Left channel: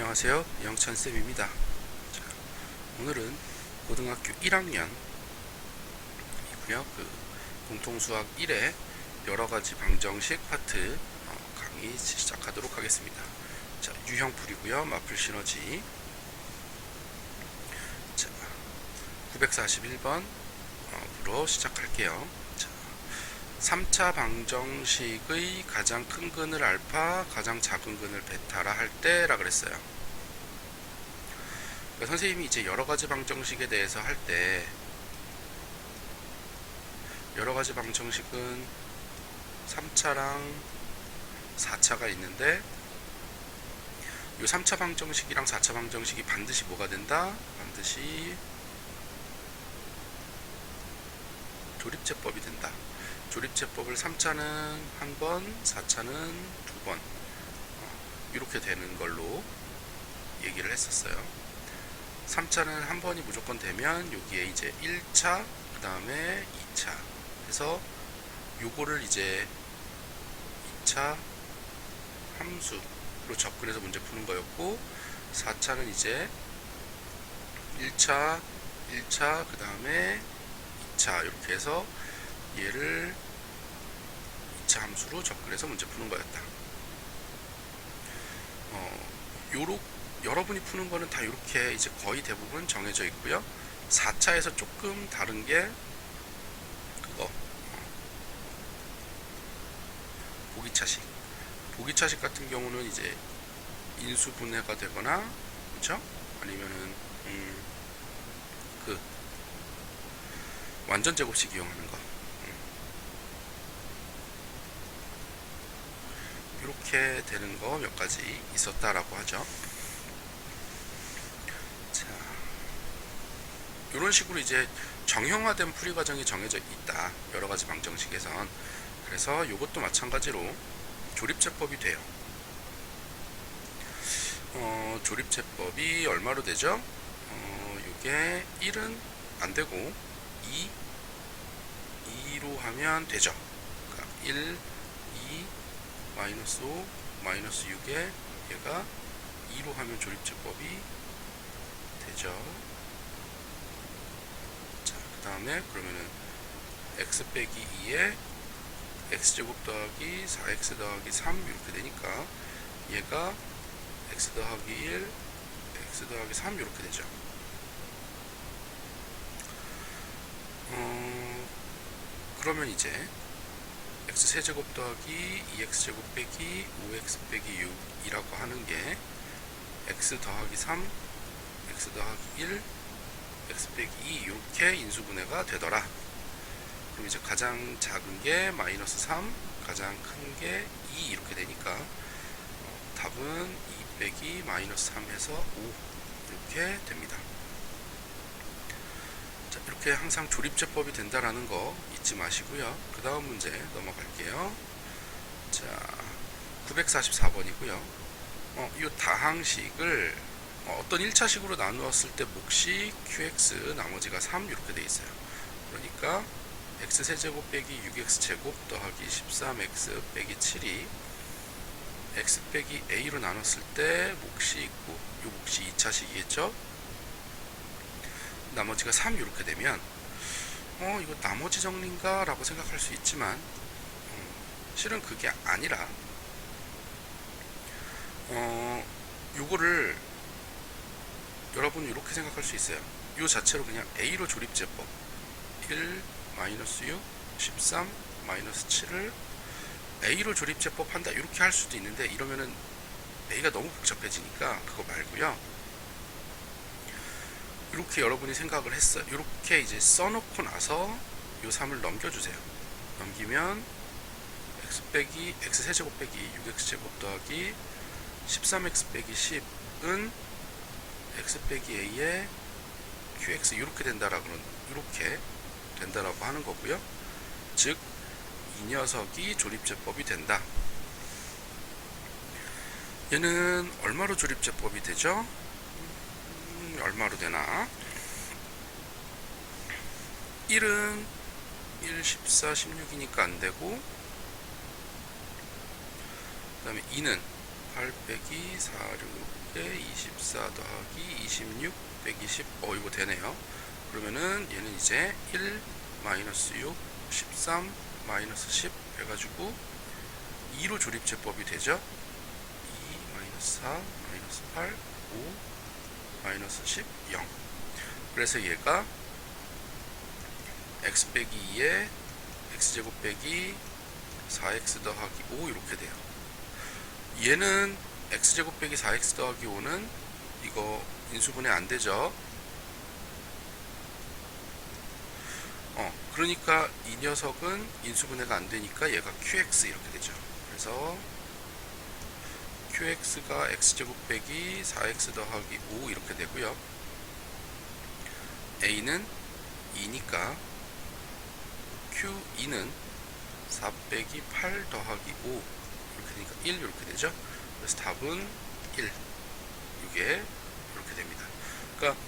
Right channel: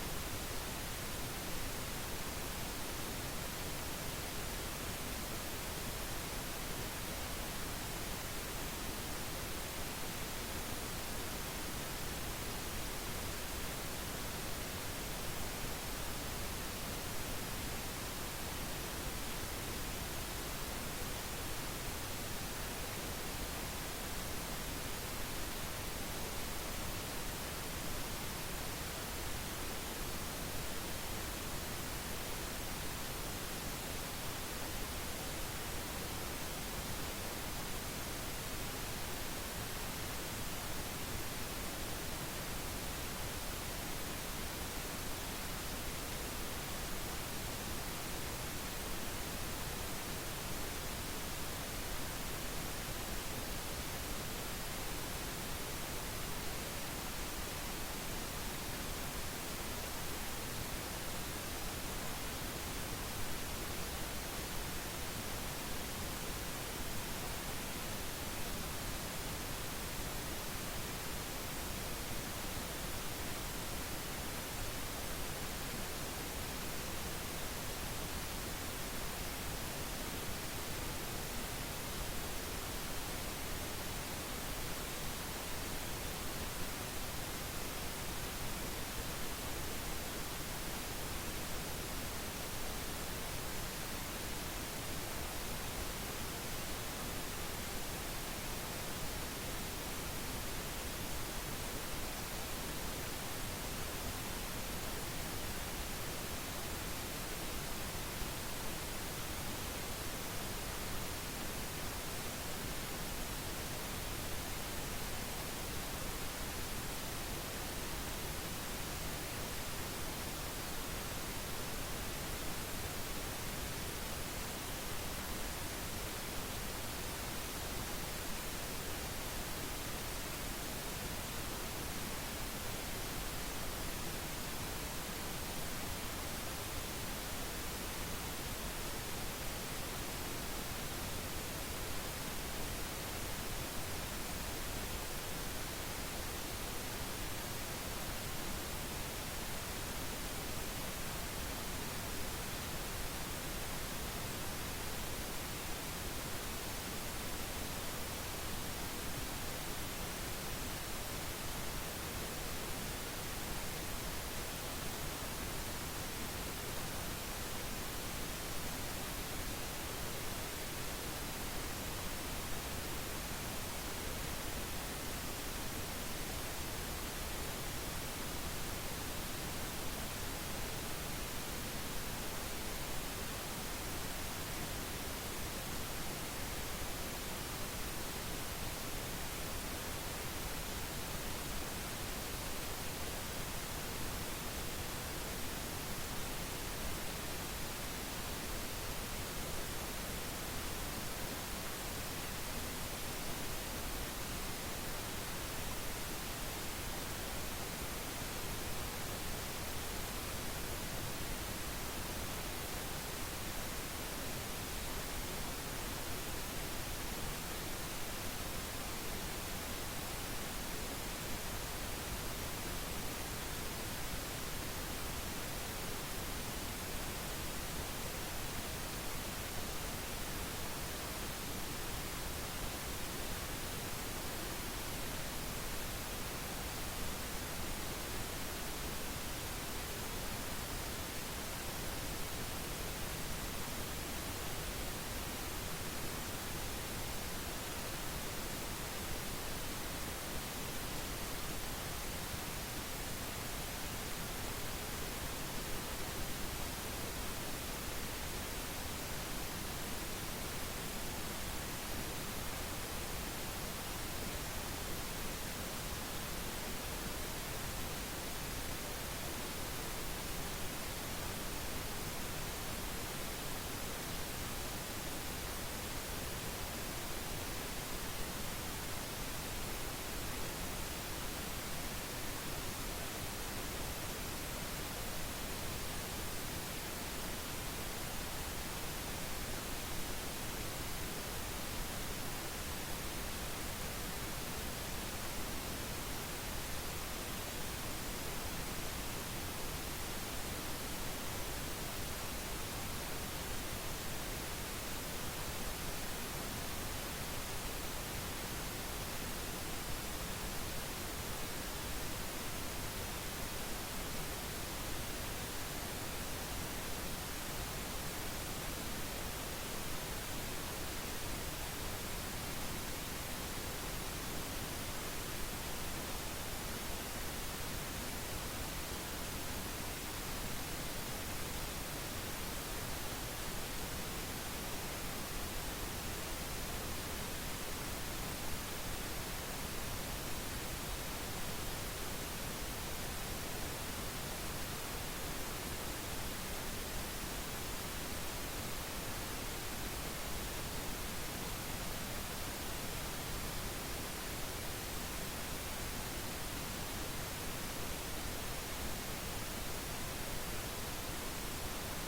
안녕하세요. 영찬쌤입니다. 오늘은 고등학교 1학년이고요. 공통수학 1의 여러가지 방정식 파트 강의 시작하도록 하겠습니다. 자, 유형풀이고요. 마플 시너지. 자, 941번으로 시작할게요. 자, 3차 방정식의 가장 큰 근을 알파, 가장 작은 근을 베타라 할 때라 그랬어요. 그러니까 선생님이 이제 여러가지 방정식에 대해서 할 때 여러가지 방정식은 3차랑 4차가 있는데 이 3차 방정식이랑 4차 방정식이 반드시 뭐가 된다? 반드시 조립제법이 된다. 조립제법을 3차는 한 번, 4차는 두 번 이렇게 되는 걸로 얘기를 했었어요. 3차는 한 번이 무조건 되면 여기에 이제 1차, 그 다음에 2차 해서 요거를 이제 2차 함수로 접근해서 문제 푸는 거였고, 4차는 이제 1차, 그 다음에 2차 이렇게 해서 얘를 2차 함수로 접근해서 문제 푸는 거였다. 여러분이 푸는 거는 다 이렇게 이제 거의 대부분 정해져 있고요. 4차에서 조금 다른 게 그거 보기차식. 보기차식 같은 경우는 이제 인수분해가 되거나, 그렇죠? 아니면은 그 완전 제곱식 이용하는 거. 이렇게 되는 거 몇 가지 있었다라고 하죠. 자, 이런 식으로 이제 정형화된 풀이 과정이 정해져 있다. 여러 가지 방정식에선. 그래서 이것도 마찬가지로 조립제법이 돼요. 조립제법이 얼마로 되죠? 이게 1은 안 되고 2로 하면 되죠. 그러니까 1, 2, 마이너스 5, 마이너스 6에 얘가 2로 하면 조립제법이 되죠. 자, 그 다음에 그러면은 x 빼기 2에 x제곱 더하기 4x 더하기 3 이렇게 되니까 얘가 x 더하기 1, x 더하기 3 이렇게 되죠. 그러면 이제 x세제곱 더하기 2x제곱 빼기 5x 빼기 6이라고 하는 게 x 더하기 3, x 더하기 1, x 빼기 2 이렇게 인수분해가 되더라. 그럼 이제 가장 작은 게 마이너스 3, 가장 큰 게 2 이렇게 되니까 답은 2 빼기 마이너스 3 해서 5 이렇게 됩니다. 자, 이렇게 항상 조립제법이 된다라는 거 잊지 마시고요. 그 다음 문제 넘어갈게요. 자, 944번이고요. 이 다항식을 어떤 1차식으로 나누었을 때 몫이 qx 나머지가 3 이렇게 돼 있어요. 그러니까 x세제곱 빼기 6x제곱 더하기 13x 빼기 7이 x 빼기 a로 나눴을 때 몫이 있고 이 몫이 2차식이겠죠. 나머지가 3 이렇게 되면 이거 나머지 정리인가 라고 생각할 수 있지만 실은 그게 아니라 요거를 여러분이 이렇게 생각할 수 있어요. 요 자체로 그냥 a로 조립제법 1 마이너스 6 13 마이너스 7을 a로 조립제법 한다 이렇게 할 수도 있는데, 이러면은 a가 너무 복잡해지니까 그거 말고요. 이렇게 여러분이 생각을 했어요. 이렇게 이제 써놓고 나서 요 3을 넘겨주세요. 넘기면 x 세제곱 빼기 6x제곱 더하기 13x 빼기 10은 x 빼기 a에 qx 이렇게 된다라고 하는 거고요. 즉 이 녀석이 조립제법이 된다. 얘는 얼마로 조립제법이 되죠? 얼마로 되나? 1은 1, 14, 16이니까 안 되고, 그 다음에 2는 8 빼기 4, 6에 24 더하기 26, 120. 이거 되네요. 그러면은 얘는 이제 1, 마이너스 6, 13, 마이너스 10 해가지고 2로 조립제법이 되죠. 2, 마이너스 4, 마이너스 8, 5, 마이너스 10, 0. 그래서 얘가 x 빼기 2에 x제곱 빼기 4x 더하기 5 이렇게 돼요. 얘는 x제곱 빼기 4x 더하기 5는 이거 인수분해 안 되죠. 그러니까 이 녀석은 인수분해가 안 되니까 얘가 qx 이렇게 되죠. 그래서 qx가 x제곱 빼기 4x 더하기 5 이렇게 되고요. a는 2니까 q2는 4 빼기 8 더하기 5 이렇게 되니까 1 이렇게 되죠. 그래서 답은 1. 이게 이렇게 됩니다. 그러니까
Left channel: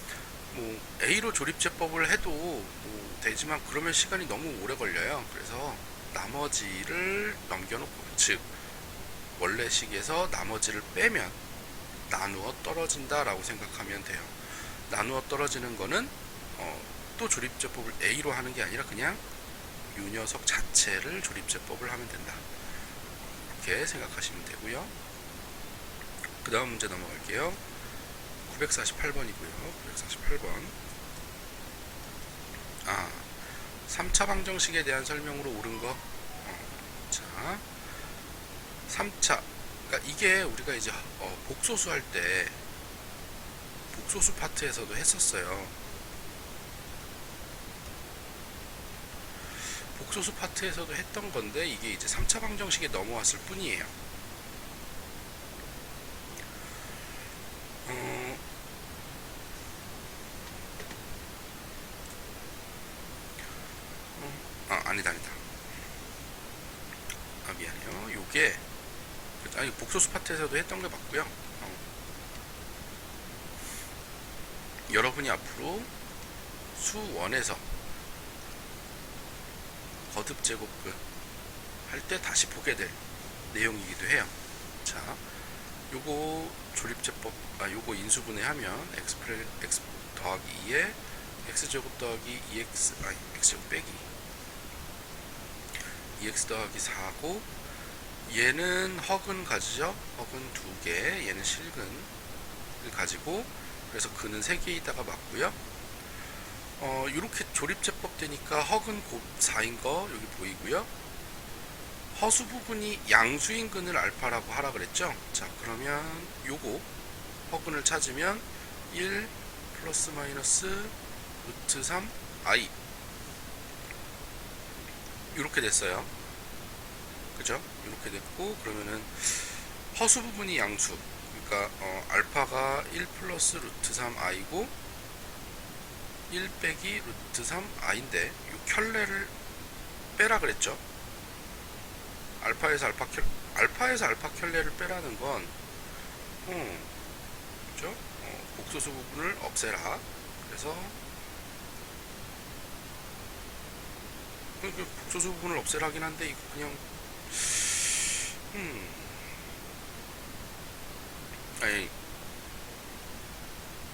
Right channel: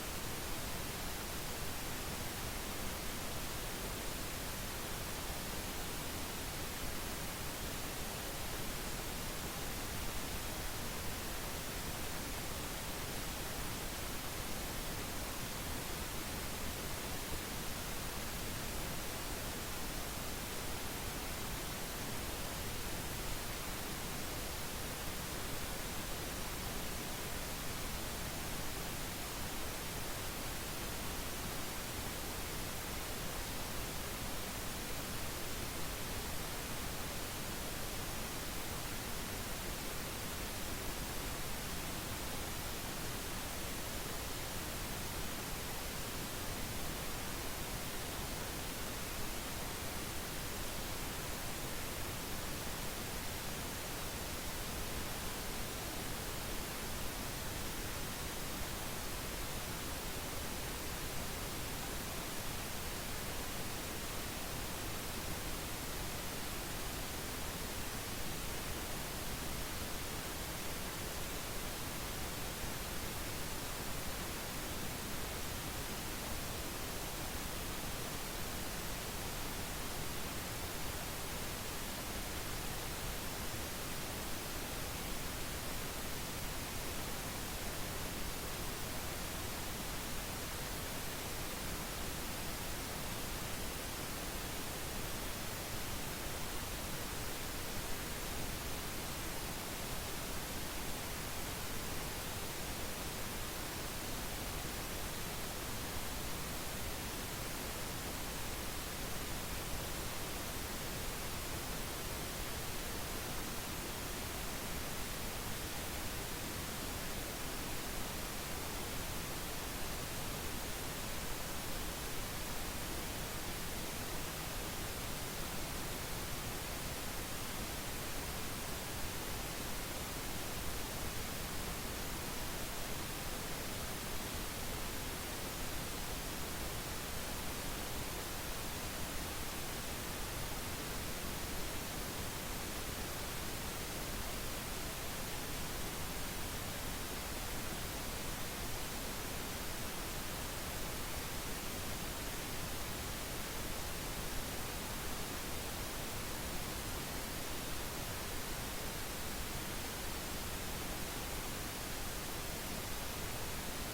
뭐 A로 조립제법을 해도 뭐 되지만 그러면 시간이 너무 오래 걸려요. 그래서 나머지를 넘겨놓고, 즉 원래식에서 나머지를 빼면 나누어 떨어진다 라고 생각하면 돼요. 나누어 떨어지는 거는 또 조립제법을 A로 하는 게 아니라 그냥 이 녀석 자체를 조립제법을 하면 된다, 이렇게 생각하시면 되고요. 그 다음 문제 넘어갈게요. 948번이고요 948번 3차 방정식에 대한 설명으로 옳은 거. 자, 3차, 그러니까 이게 우리가 이제 복소수 할 때 복소수 파트에서도 했었어요. 복소수 파트에서도 했던 건데 이게 이제 3차 방정식에 넘어왔을 뿐이에요. 아니다. 미안해요. 요게 복소수 파트에서도 했던 게 맞고요. 여러분이 앞으로 수1에서 거듭 제곱근 할 때 다시 보게 될 내용이기도 해요. 자, 요거 조립제법, 요거 인수분해하면 x 더하기 2에 x제곱 더하기 2x, x제곱 빼기 2x 더하기 4고, 얘는 허근 가지죠. 허근 2개, 얘는 실근을 가지고, 그래서 근은 3개에다가 맞고요. 이렇게 조립제법 되니까 허근 4인 거 여기 보이고요. 허수 부분이 양수인 근을 알파라고 하라 그랬죠. 자, 그러면 요거 허근을 찾으면 1 플러스 마이너스 루트 3 i 이렇게 됐어요. 그죠? 이렇게 됐고, 그러면은 허수 부분이 양수, 그러니까 알파가 1 플러스 루트 3 i고 1 빼기 루트 3 i인데 이 켤레를 빼라 그랬죠. 알파에서 알파 켤레를 빼라는 건 그죠? 복소수 부분을 없애라. 그래서 복소수 부분을 없애라긴 한데 이거 그냥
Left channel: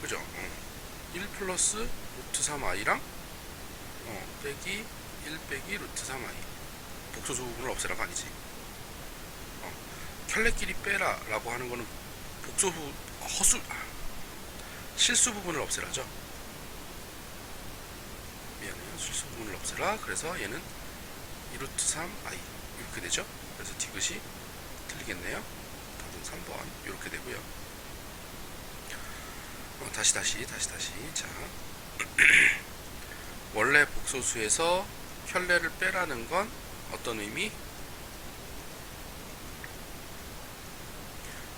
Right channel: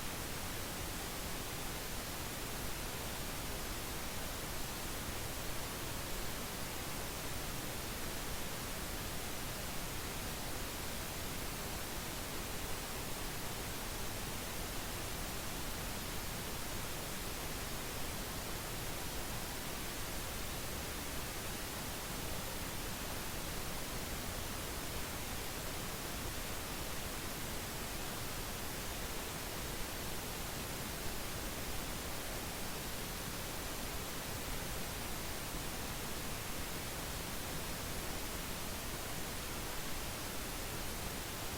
그죠? 1 플러스 루트 3i랑 빼기 1 빼기 루트 3i, 복소수 부분을 없애라가 아니지. 켤레끼리 빼라 라고 하는 거는 실수 부분을 없애라죠. 미안해요. 실수 부분을 없애라. 그래서 얘는 2루트 3i 이렇게 되죠. 그래서 디귿이 틀리겠네요. 답은 3번 이렇게 되고요. 다시. 자, 원래 복소수에서 켤레를 빼라는 건 어떤 의미?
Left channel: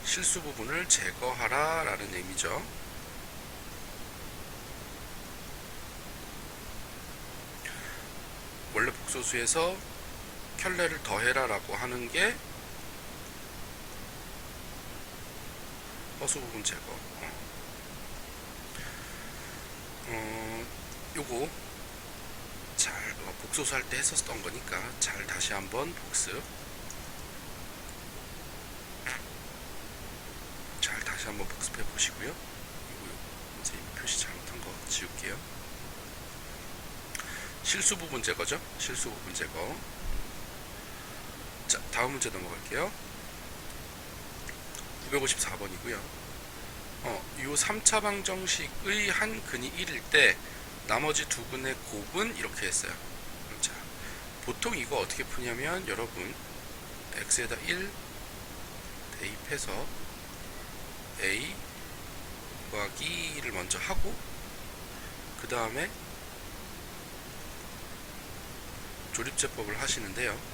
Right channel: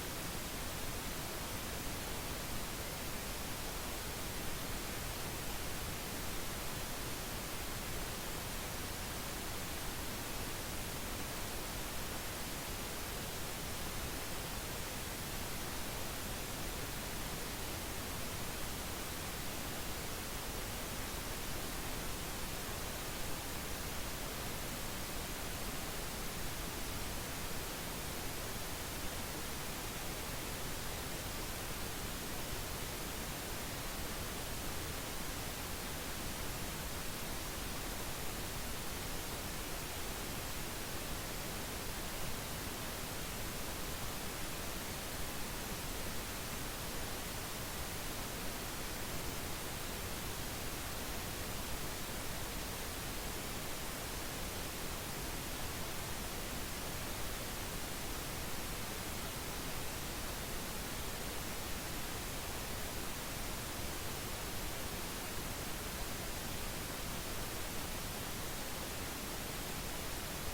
실수 부분을 제거하라 라는 의미죠. 원래 복소수에서 켤레를 더해라 라고 하는 게 허수 부분 제거. 요거 잘 복소수 할 때 했었던 거니까 잘 다시 한번 복습. 보시고요. 이제 표시 잘못한 거 지울게요. 실수 부분 제거죠. 실수 부분 제거. 자, 다음 문제 넘어갈게요. 954번이고요. 이 3차 방정식의 한 근이 1일 때 나머지 두 근의 곱은 이렇게 했어요. 자, 보통 이거 어떻게 푸냐면 여러분 x에다 1 대입해서 a 곱하기 2를 먼저 하고 그 다음에 조립제법을 하시는데요.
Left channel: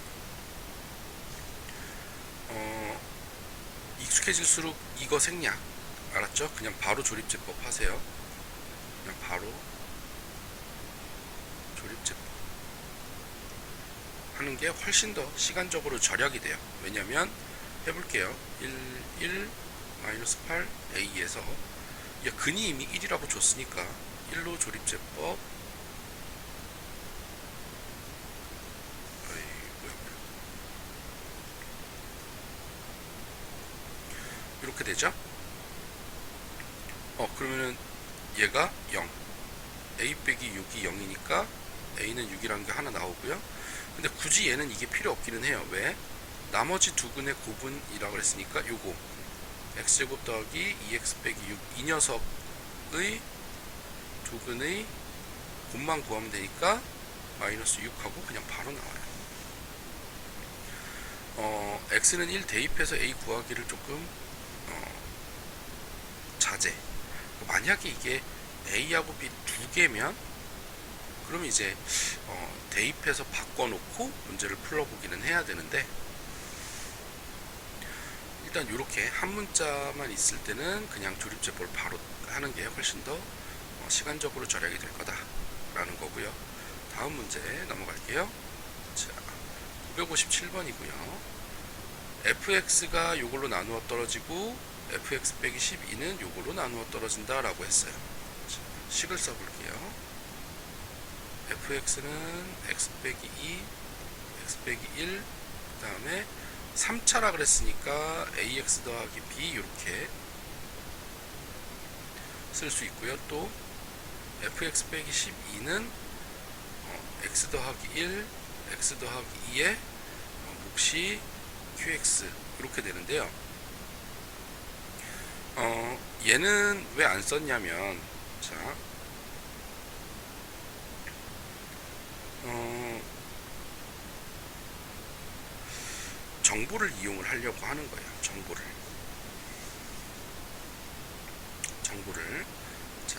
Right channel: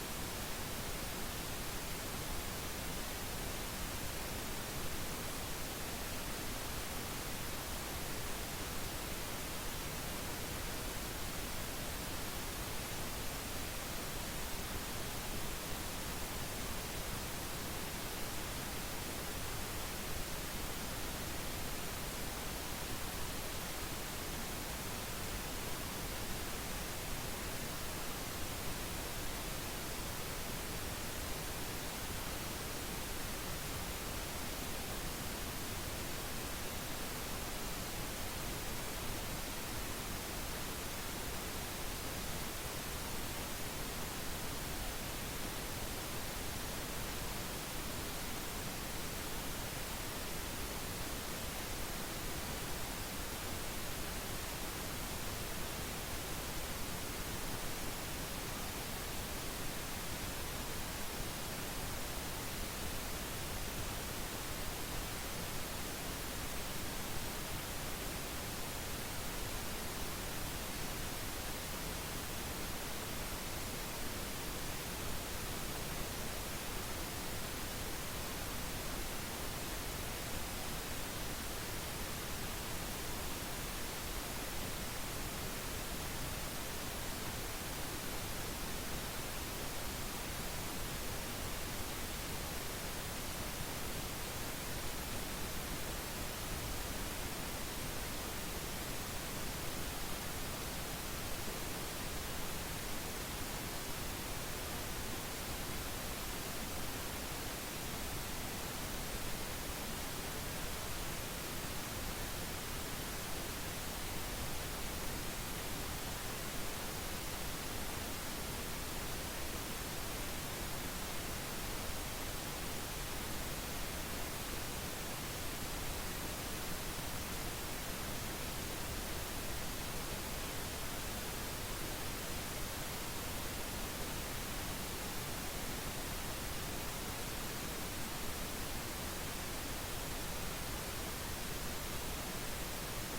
익숙해질수록 이거 생략 알았죠? 그냥 바로 조립제법 하세요. 그냥 바로 조립제법 하는 게 훨씬 더 시간적으로 절약이 돼요. 왜냐면 해볼게요. 1 마이너스 8 a에서 근이 이미 1이라고 줬으니까 1로 조립제법 이렇게 되죠. 그러면은 얘가 0 a 빼기 6이 0이니까 a는 6이라는 게 하나 나오고요. 근데 굳이 얘는 이게 필요 없기는 해요. 왜? 나머지 두 근의 곱은이라고 했으니까 요거 x제곱 더하기 2x 빼기 6 이 녀석의 두 근의 곱만 구하면 되니까 마이너스 6하고 그냥 바로 나와요. x는 1 대입해서 a 구하기를 조금 자제. 만약에 이게 a하고 b 두 개면 그럼 이제 대입해서 바꿔놓고 문제를 풀어보기는 해야 되는데 일단 이렇게 한 문자만 있을 때는 그냥 조립제법을 바로 하는 게 훨씬 더 시간적으로 절약이 될 거다라는 거고요. 다음 문제 넘어갈게요. 자, 257번이고요. fx가 이걸로 나누어 떨어지고 fx 빼기 12는 이걸로 나누어 떨어진다 라고 했어요. 식을 써볼게요. fx는 x 빼기 2 x 빼기 1 그 다음에 3차라 그랬으니까 ax 더하기 b 이렇게 쓸 수 있고요. 또 fx 빼기 12는 x 더하기 1 x 더하기 2에 혹시 qx 이렇게 되는데요. 얘는 왜 안 썼냐면 자 정보를 이용을 하려고 하는 거예요. 정보를 자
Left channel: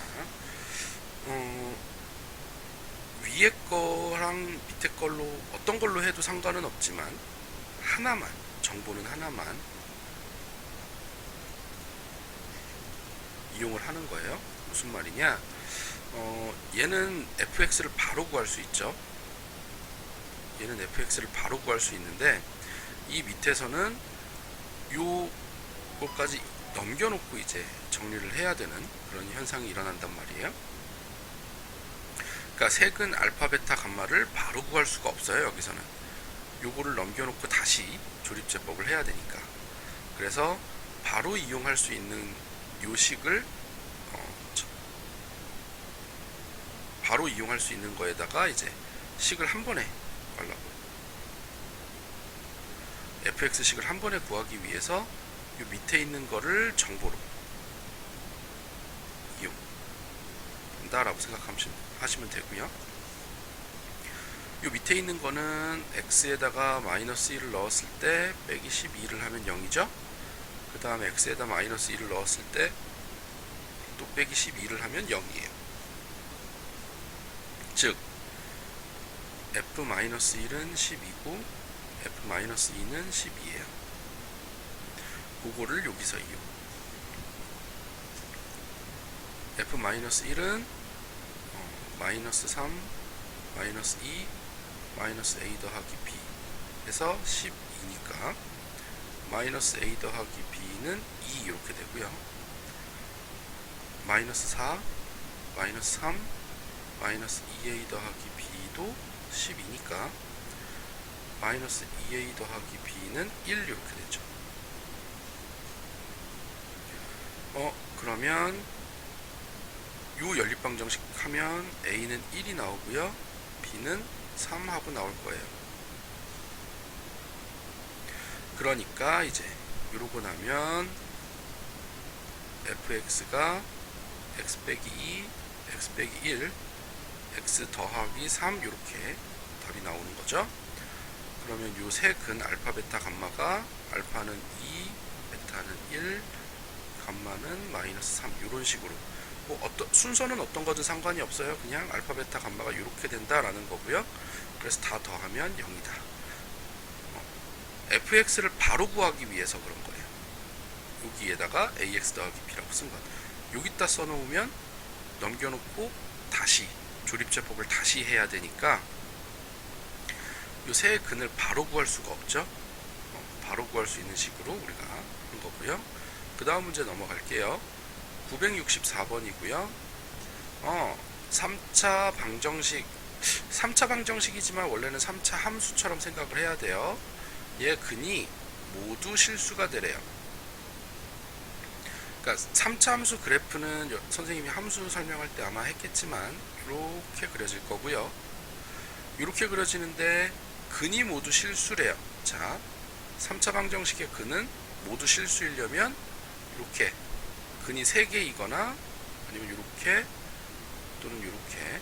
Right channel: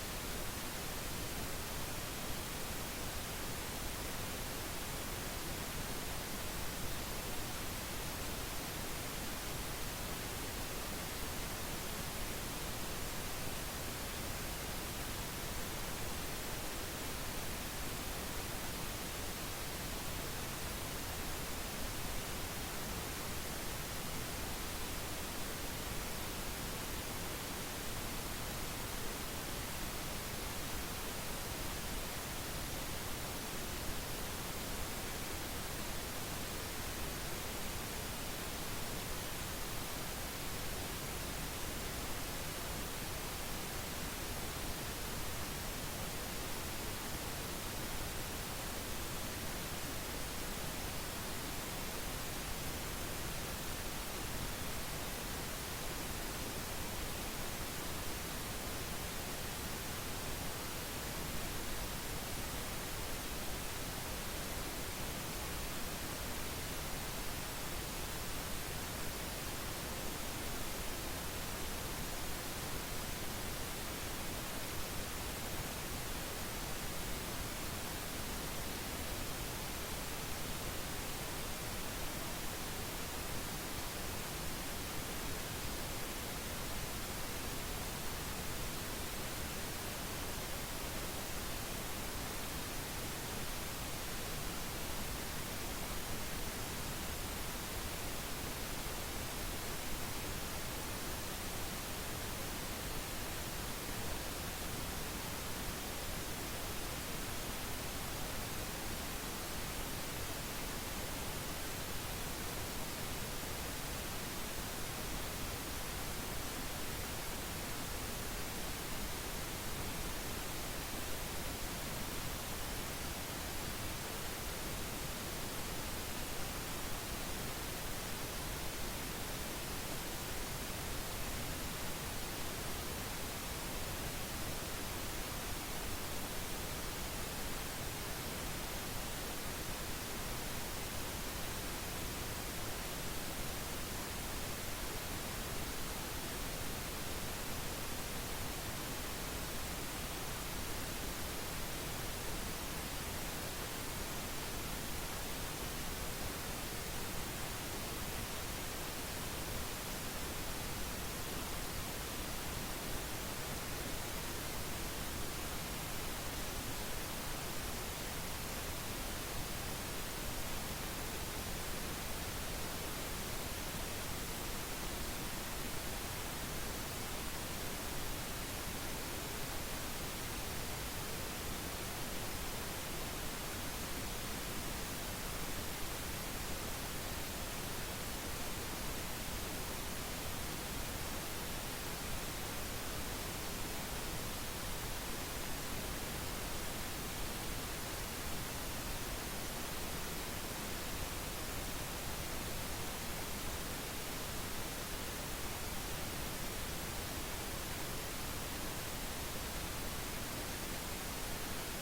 위에 거랑 밑에 걸로 어떤 걸로 해도 상관은 없지만 하나만 정보는 하나만 이용을 하는 거예요. 무슨 말이냐? 얘는 fx를 바로 구할 수 있죠. 얘는 fx를 바로 구할 수 있는데 이 밑에서는 요거까지 넘겨놓고 이제 정리를 해야 되는 그런 현상이 일어난단 말이에요. 그러니까 색은 알파, 베타, 감마를 바로 구할 수가 없어요. 여기서는 요거를 넘겨놓고 다시 조립제법을 해야 되니까. 그래서 바로 이용할 수 있는 요식을 바로 이용할 수 있는 거에다가 이제 식을 한 번에 하려고 fx식을 한 번에 구하기 위해서 이 밑에 있는 거를 정보로 이용한다라고 생각하시면 되고요. 이 밑에 있는 거는 x에다가 마이너스 1을 넣었을 때 빼기 12를 하면 0이죠. 그 다음에 x에다 마이너스 1을 넣었을 때 또 빼기 12를 하면 0이에요. 즉 f-1은 10이고 f-2는 10이에요. 그거를 여기서 이용. f-1은 마이너스 3, 마이너스 2, 마이너스 a 더하기 b 해서 12니까 마이너스 a 더하기 b는 2 이렇게 되고요. 마이너스 4, 마이너스 3, 마이너스 2a 더하기 b도 10이니까 마이너스 2a 더하기 b는 1 이렇게 되죠. 그러면 요 연립방정식 하면 A는 1이 나오고요, B는 3하고 나올 거예요. 그러니까 이제 이러고 나면 fx가 x 빼기 2, x 빼기 1, x 더하기 3 이렇게 답이 나오는 거죠. 그러면 요 세 근 알파, 베타, 감마가 알파는 2, 베타는 1, 감마는 마이너스 3 이런 식으로 뭐 순서는 어떤 거든 상관이 없어요. 그냥 알파, 베타, 감마가 이렇게 된다라는 거고요. 그래서 다 더하면 0이다. fx를 바로 구하기 위해서 그런 거예요. 여기에다가 ax 더하기 b라고 쓴 거예요. 여기다 써놓으면 넘겨놓고 다시 조립제법을 다시 해야 되니까 요 세 근을 바로 구할 수가 없죠. 바로 구할 수 있는 식으로 우리가 한 거고요. 그 다음 문제 넘어갈게요. 964번이고요. 3차 방정식, 3차 방정식이지만 원래는 3차 함수처럼 생각을 해야 돼요. 얘 근이 모두 실수가 되래요. 그러니까 3차 함수 그래프는 선생님이 함수 설명할 때 아마 했겠지만 이렇게 그려질 거고요. 이렇게 그려지는데 근이 모두 실수래요. 자, 3차 방정식의 근은 모두 실수이려면 이렇게 근이 3개이거나 아니면 이렇게 또는 이렇게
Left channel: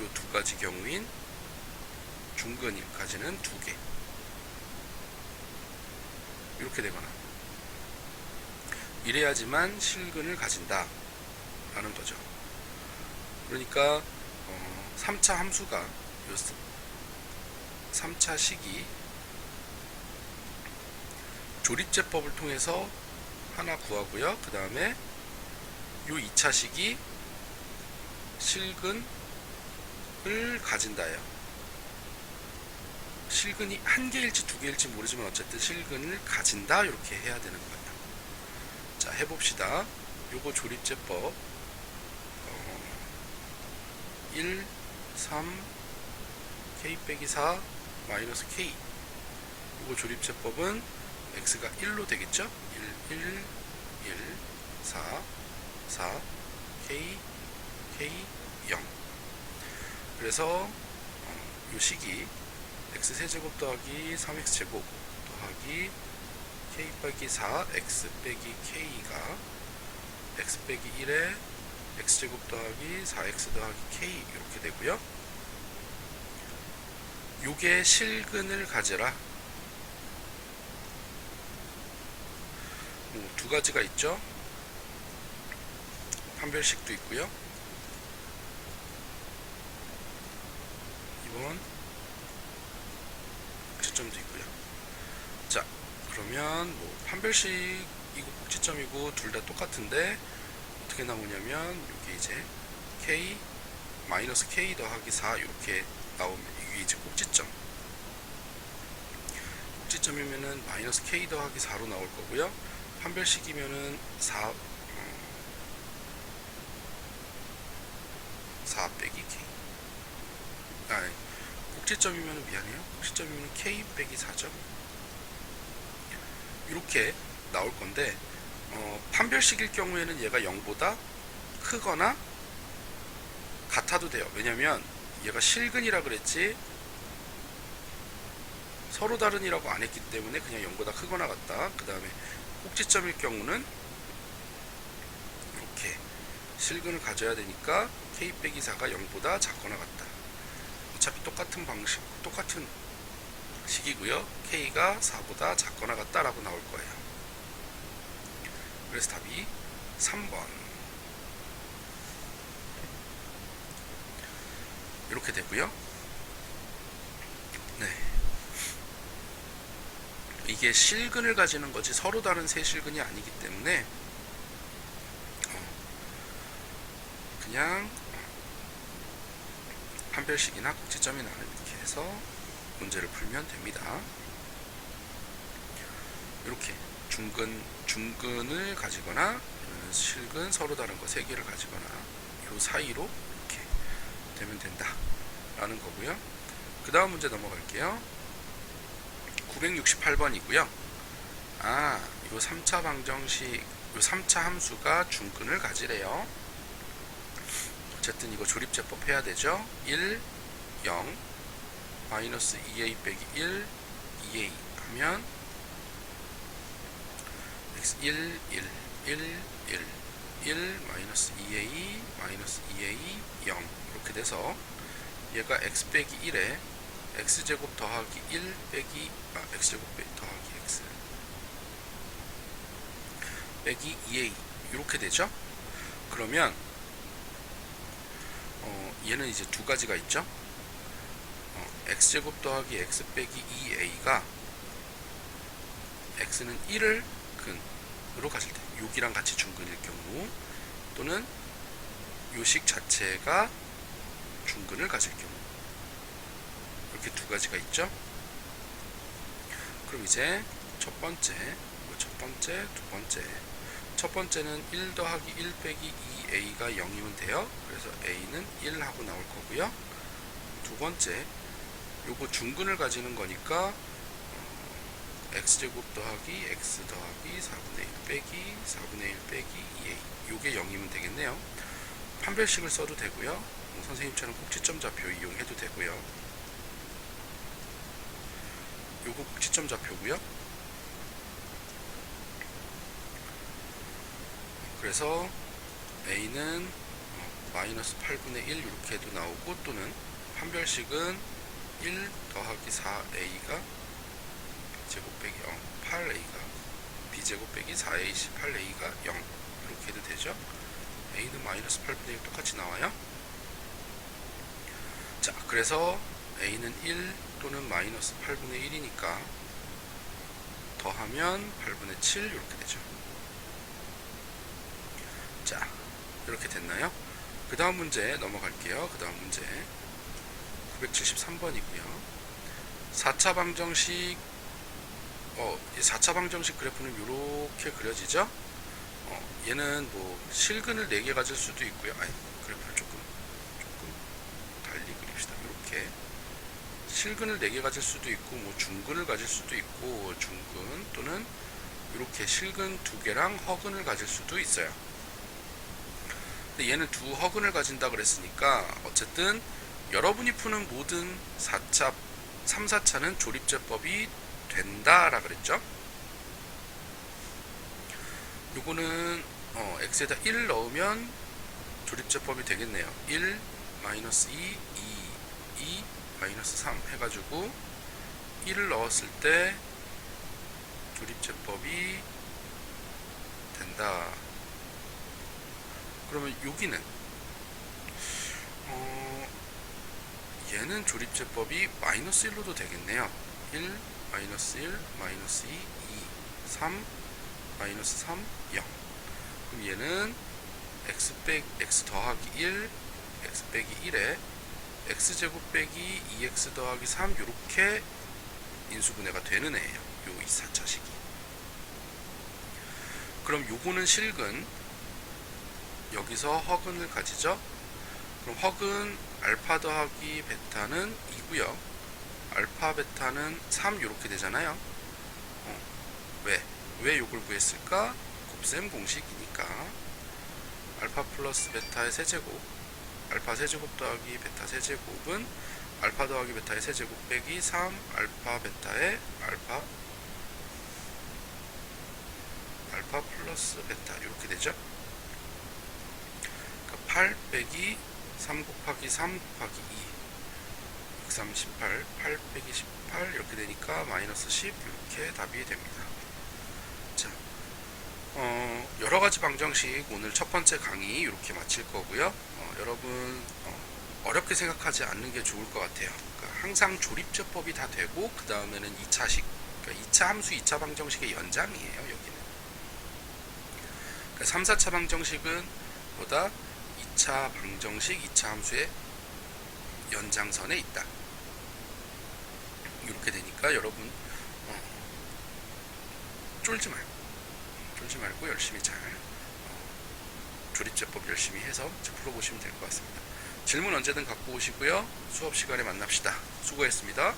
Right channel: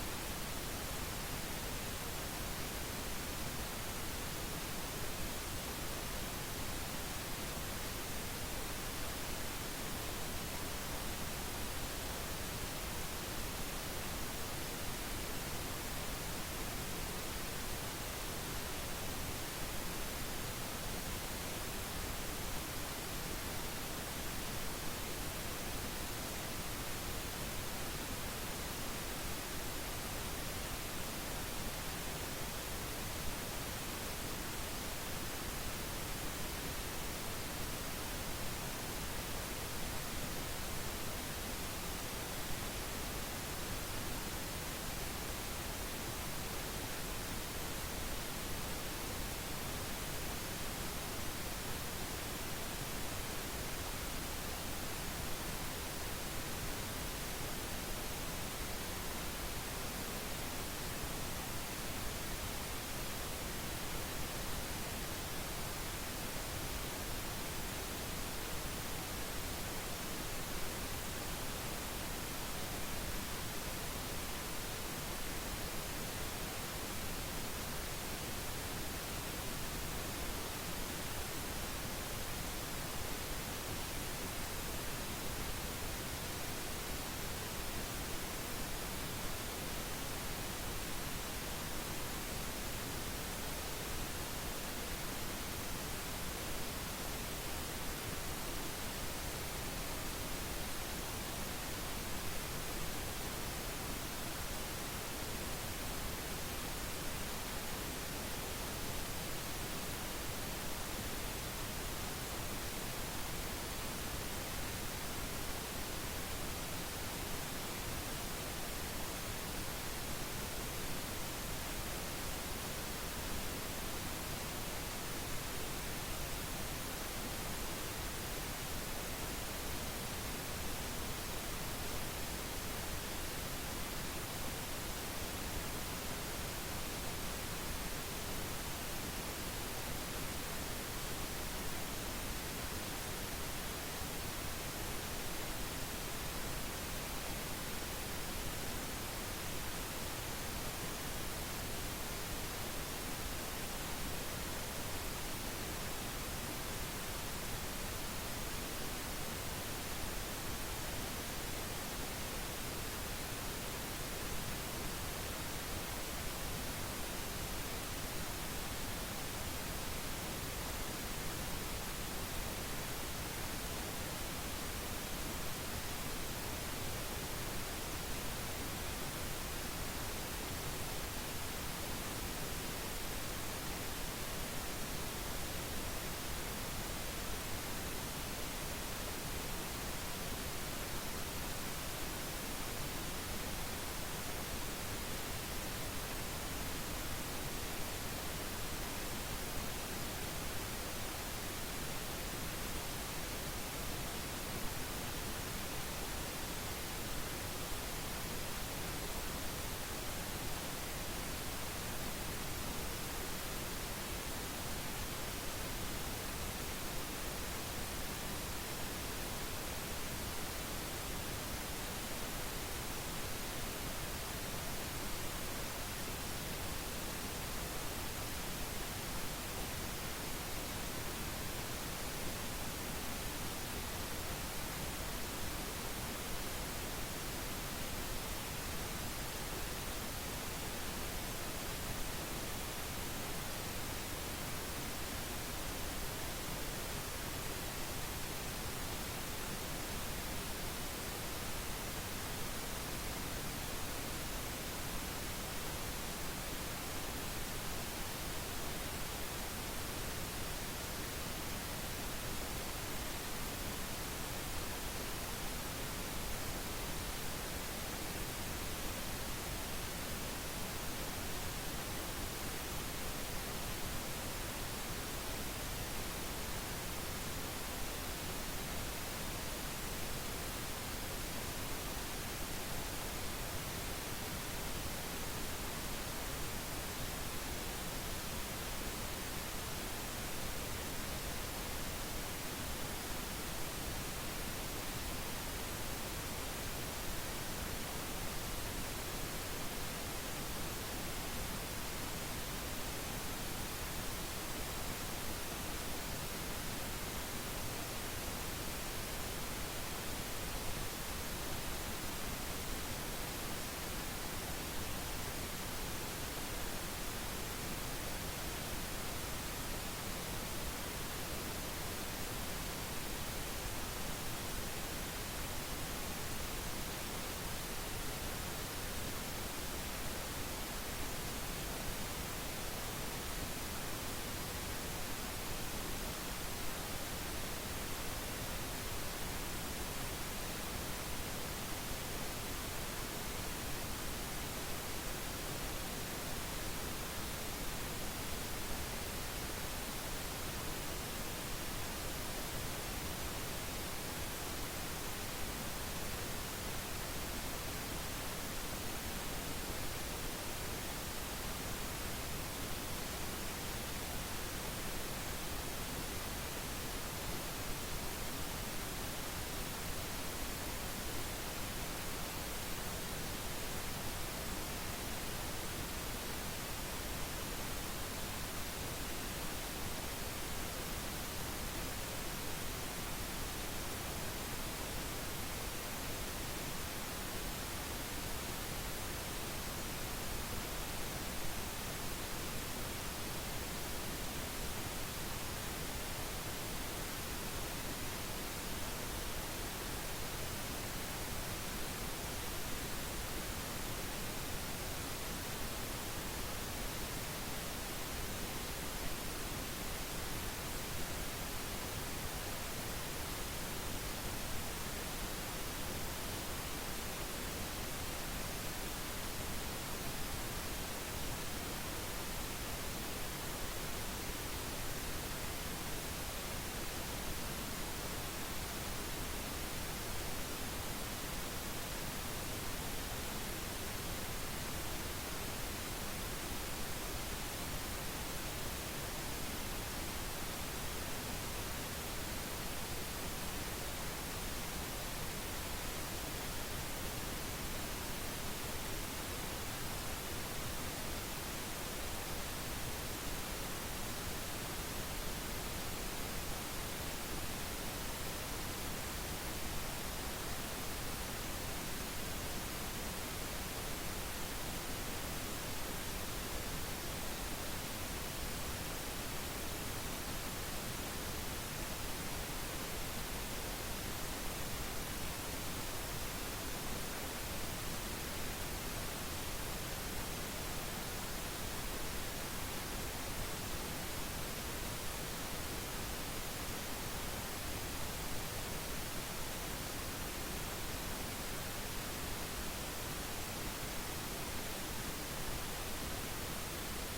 이 두 가지 경우인 중근일까지는 2개 이렇게 되거나 이래야지만 실근을 가진다 라는 거죠. 그러니까 3차 함수가 3차 식이 조립제법을 통해서 하나 구하고요. 그 다음에 요 2차 식이 실근을 가진다예요. 실근이 한 개일지 두 개일지 모르지만 어쨌든 실근을 가진다 이렇게 해야 되는 거예요. 자, 해봅시다. 요거 조립제법 1, 3, k 빼기 4, 마이너스 k 요거 조립제법은 x가 1로 되겠죠? 1, 1, 1, 4, 4, k, k, 0 그래서 이 식이 x세제곱 더하기 3x제곱 더하기 k 빼기 4, x 빼기 k가 x 빼기 1에 x제곱 더하기 4x 더하기 k 이렇게 되고요. 요게 실근을 가져라. 두 가지가 있죠. 판별식도 있고요. 이건 꼭지점도 있고요. 자, 그러면 뭐 판별식이고 꼭지점이고 둘 다 똑같은데 어떻게 나오냐면 이게 이제 k 마이너스 k 더하기 4 이렇게 나오면 이게 이제 꼭지점. 꼭지점이면은 마이너스 k 더하기 4로 나올 거고요. 판별식이면은 4 빼기 k. 꼭지점이면 미안해요. 꼭지점이면 k 빼기 4죠. 이렇게 나올 건데 판별식일 경우에는 얘가 0보다 크거나 같아도 돼요. 왜냐면 얘가 실근이라 그랬지 서로 다른이라고 안 했기 때문에 그냥 0보다 크거나 같다. 그 다음에 꼭지점일 경우는 이렇게 실근을 가져야 되니까 k 빼기 4가 0보다 작거나 같다. 어차피 똑같은 방식, 똑같은 식이고요. k가 4보다 작거나 같다라고 나올 거예요. 그래서 답이 3번 이렇게 되고요. 네, 이게 실근을 가지는 거지 서로 다른 세 실근이 아니기 때문에 그냥 판별식이나 꼭지점이나 이렇게 해서 문제를 풀면 됩니다. 이렇게 중근을 가지거나 실근 서로 다른 거 세 개를 가지거나 이 사이로 이렇게 되면 된다 라는 거고요. 그 다음 문제 넘어갈게요. 968번이고요. 요 3차 방정식 요 3차 함수가 중근을 가지래요. 어쨌든 이거 조립제법 해야 되죠. 1, 0, 마이너스 2a 빼기 1, 2a 하면 x 1, 1, 1, 1, 1, 마이너스 2a, 마이너스 2a, 0 이렇게 돼서 얘가 x 빼기 1에 x제곱 더하기 1 빼기 x제곱 빼기 더하기 x 빼기 2a 이렇게 되죠. 그러면 얘는 이제 두 가지가 있죠. x제곱 더하기 x 빼기 2a가 x는 1을 근으로 가질 때 6이랑 같이 중근일 경우 또는 요식 자체가 중근을 가질 경우 이렇게 두 가지가 있죠. 그럼 이제 첫 번째, 두 번째 첫 번째는 1 더하기 1 빼기 2a가 0이면 돼요. 그래서 a는 1 하고 나올 거고요. 두 번째 요거 중근을 가지는 거니까 x제곱 더하기 x 더하기 4분의 1 빼기 4분의 1 빼기 2a 요게 0이면 되겠네요. 판별식을 써도 되고요. 선생님처럼 꼭지점 좌표 이용해도 되고요. 요거 꼭지점 좌표고요. 그래서 a는 마이너스 8분의 1 이렇게 해도 나오고 또는 판별식은 1 더하기 4a가 제곱 빼기 8a가 b제곱 빼기 4a 18a가 0 이렇게 해도 되죠. a는 마이너스 8분의 1 똑같이 나와요. 자, 그래서 a는 1 또는 마이너스 8분의 1이니까 더하면 8분의 7 이렇게 되죠. 자, 이렇게 됐나요? 그 다음 문제 넘어갈게요. 그 다음 문제 973번이고요. 4차 방정식 4차 방정식 그래프는 이렇게 그려지죠. 얘는 뭐 실근을 4개 가질 수도 있고요. 그래프를 조금 달리 그립시다. 이렇게 실근을 4개 가질 수도 있고 뭐 중근을 가질 수도 있고 중근 또는 이렇게 실근 2개랑 허근을 가질 수도 있어요. 근데 얘는 두 허근을 가진다 그랬으니까 어쨌든 여러분이 푸는 모든 4차, 3, 4차는 조립제법이 된다라 그랬죠. 요거는 x에다 1 넣으면 조립제법이 되겠네요. 1, 마이너스 2, 2, 마이너스 3 해가지고 1을 넣었을 때 조립제법이 된다. 그러면 여기는 얘는 조립제법이 마이너스 1로도 되겠네요. 1, 마이너스 1, 마이너스 2, 2, 3, 마이너스 3, 0. 그럼 얘는 x 더하기 1, x 빼기 1에 x제곱 빼기 2x 더하기 3 이렇게 인수분해가 되는 애예요. 요 4차식이. 그럼 요거는 실근, 여기서 허근을 가지죠. 그럼 허근 알파 더하기 베타는 2고요. 알파 베타는 3 이렇게 되잖아요. 왜 요걸 구했을까? 곱셈 공식이니까 알파 플러스 베타의 세제곱, 알파 세제곱 더하기 베타 세제곱은 알파 더하기 베타의 세제곱 빼기 3 알파 베타의 알파 플러스 베타 이렇게 되죠. 8 빼기 3 곱하기 3 곱하기 2 138, 8 빼기 18 이렇게 되니까 마이너스 10 이렇게 답이 됩니다. 자, 여러가지 방정식 오늘 첫 번째 강의 이렇게 마칠 거고요. 여러분 어렵게 생각하지 않는 게 좋을 것 같아요. 그러니까 항상 조립제법이 다 되고 그 다음에는 2차식, 그러니까 2차 함수 2차 방정식의 연장이에요. 여기는 그러니까 3, 4차 방정식은 보다 2차 방정식, 2차 함수의 연장선에 있다. 이렇게 되니까 여러분 쫄지 말고 열심히 잘 조립제법 열심히 해서 풀어보시면 될 것 같습니다. 질문 언제든 갖고 오시고요. 수업 시간에 만납시다. 수고했습니다.